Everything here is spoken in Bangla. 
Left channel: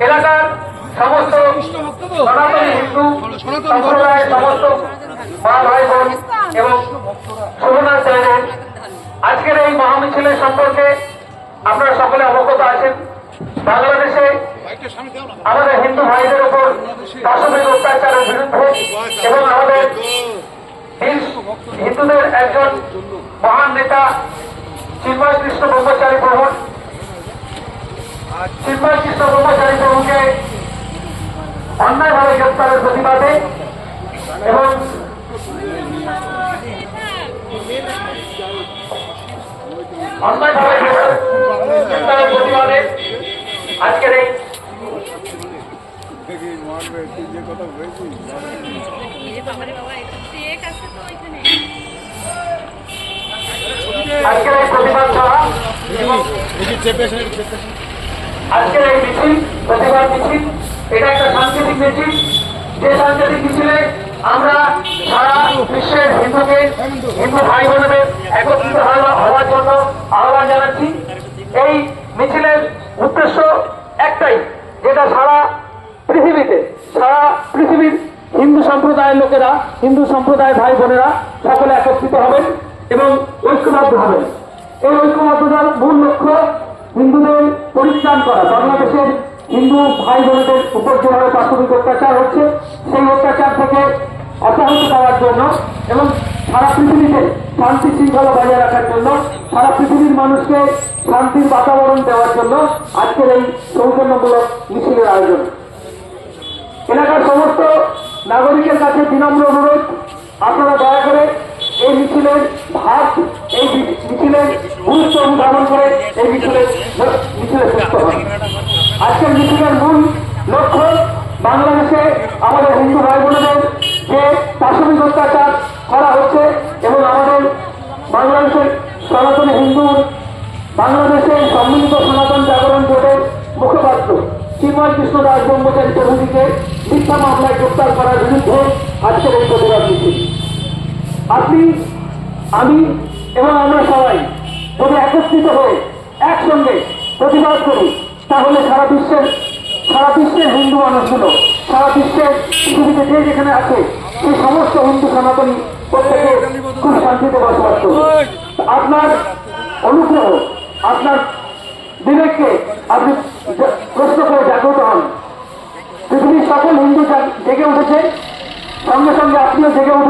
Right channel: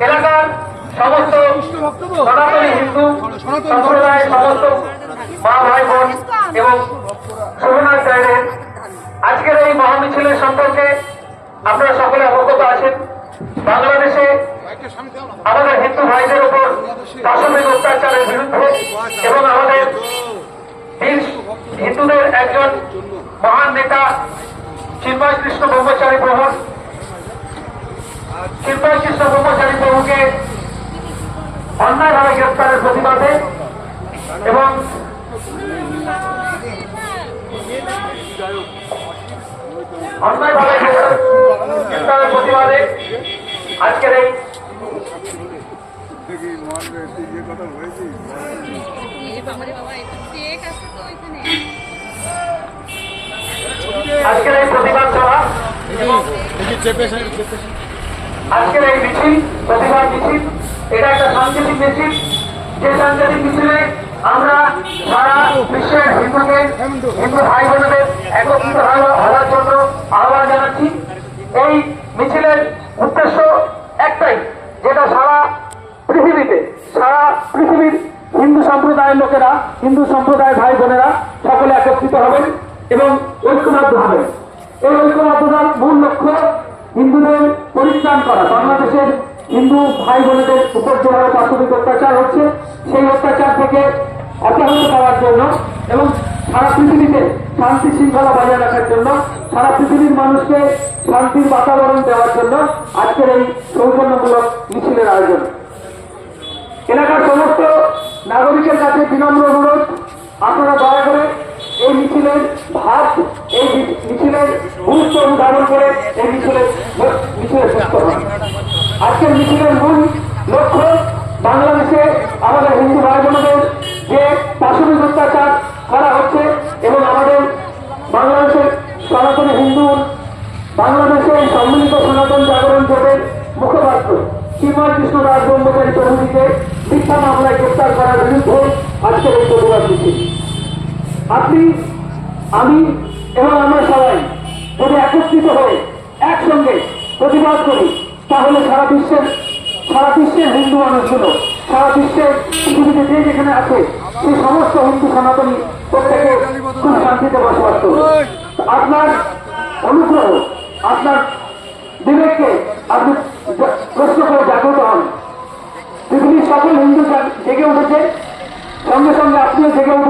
এলাকার সমস্ত সনাতনী হিন্দু সম্প্রদায়ের সমস্ত মা, ভাই, বোন এবং শোভনাচার্যের আজকের এই মহামিছিলের সম্পর্কে আপনারা সকলে অবগত আছেন। বাংলাদেশে আমাদের হিন্দু ভাইদের উপর দশমিক অত্যাচারের বিরুদ্ধে এবং আমাদের হিন্দুদের একজন মহান নেতা চিন্ময় কৃষ্ণ ব্রহ্মচারী প্রভু চিন্ময় কৃষ্ণ ব্রহ্মচারী প্রভুকে অন্যায়ভাবে গ্রেপ্তারের প্রতিবাদে এবং অন্যায়ভাবে গ্রেপ্তারের প্রতিবাদে সভা এবং আজকের এই মিছিল প্রতিবাদ মিছিল, এটা একটা সাংকেতিক মিছিল। যে সাংকেতিক মিছিলে আমরা সারা বিশ্বের হিন্দুকে, হিন্দু ভাই বোনদের একত্রিত হওয়া- হওয়ার জন্য আহ্বান জানাচ্ছি। এই মিছিলের উদ্দেশ্য একটাই, যেটা সারা পৃথিবীতে, সারা পৃথিবীর হিন্দু সম্প্রদায়ের লোকেরা, হিন্দু সম্প্রদায়ের ভাই বোনেরা সকলে একত্রিত হবেন এবং ঐক্যবদ্ধ হবেন। এই ঐক্যবদ্ধতার মূল লক্ষ্য হিন্দুদের পরিত্রাণ করা, বাংলাদেশের হিন্দু ভাই বোনেদের উপর যেভাবে প্রাথমিক অত্যাচার হচ্ছে, সেই অত্যাচার থেকে অব্যাহত করার জন্য এবং সারা পৃথিবীতে শান্তি শৃঙ্খলা বজায় রাখার জন্য, সারা পৃথিবীর মানুষকে শান্তির বাতাবরণ দেওয়ার জন্য আজকের এই সৌজন্যমূলক মিছিলের আয়োজন। এলাকার সমস্ত নাগরিকের কাছে বিনম্র অনুরোধ, আপনারা দয়া করে এই মিছিলের ভাগ, এই আজকের মিছিলের মূল লক্ষ্য বাংলাদেশে আমাদের হিন্দু ভাই বোনদের যে প্রাথমিক অত্যাচার করা হচ্ছে এবং আমাদের বাংলাদেশের সনাতনী হিন্দু বাংলাদেশের সম্মিলিত সনাতন জাগরণ জোটের মুখপাত্র শ্রীমান কৃষ্ণ দাস ব্রহ্মচারী প্রভুজিকে মিথ্যা মামলায় গ্রেপ্তার করার বিরুদ্ধে আজকের এই প্রতিবাদ আপনি, আমি এবং আমরা সবাই যদি একত্রিত হয়ে একসঙ্গে প্রতিবাদ করি, তাহলে সারা বিশ্বের সারা বিশ্বের হিন্দু মানুষগুলো, সারা বিশ্বের পৃথিবীতে যে যেখানে আছে, সেই সমস্ত হিন্দু সনাতনী প্রত্যেকে খুব শান্তিতে বসবাস করবে। আপনার অনুগ্রহ, আপনার বিবেককে আপনি প্রশ্ন করে জাগ্রত হন। পৃথিবীর সকল হিন্দু জেগে উঠেছে, সঙ্গে সঙ্গে আপনিও জেগে উঠুন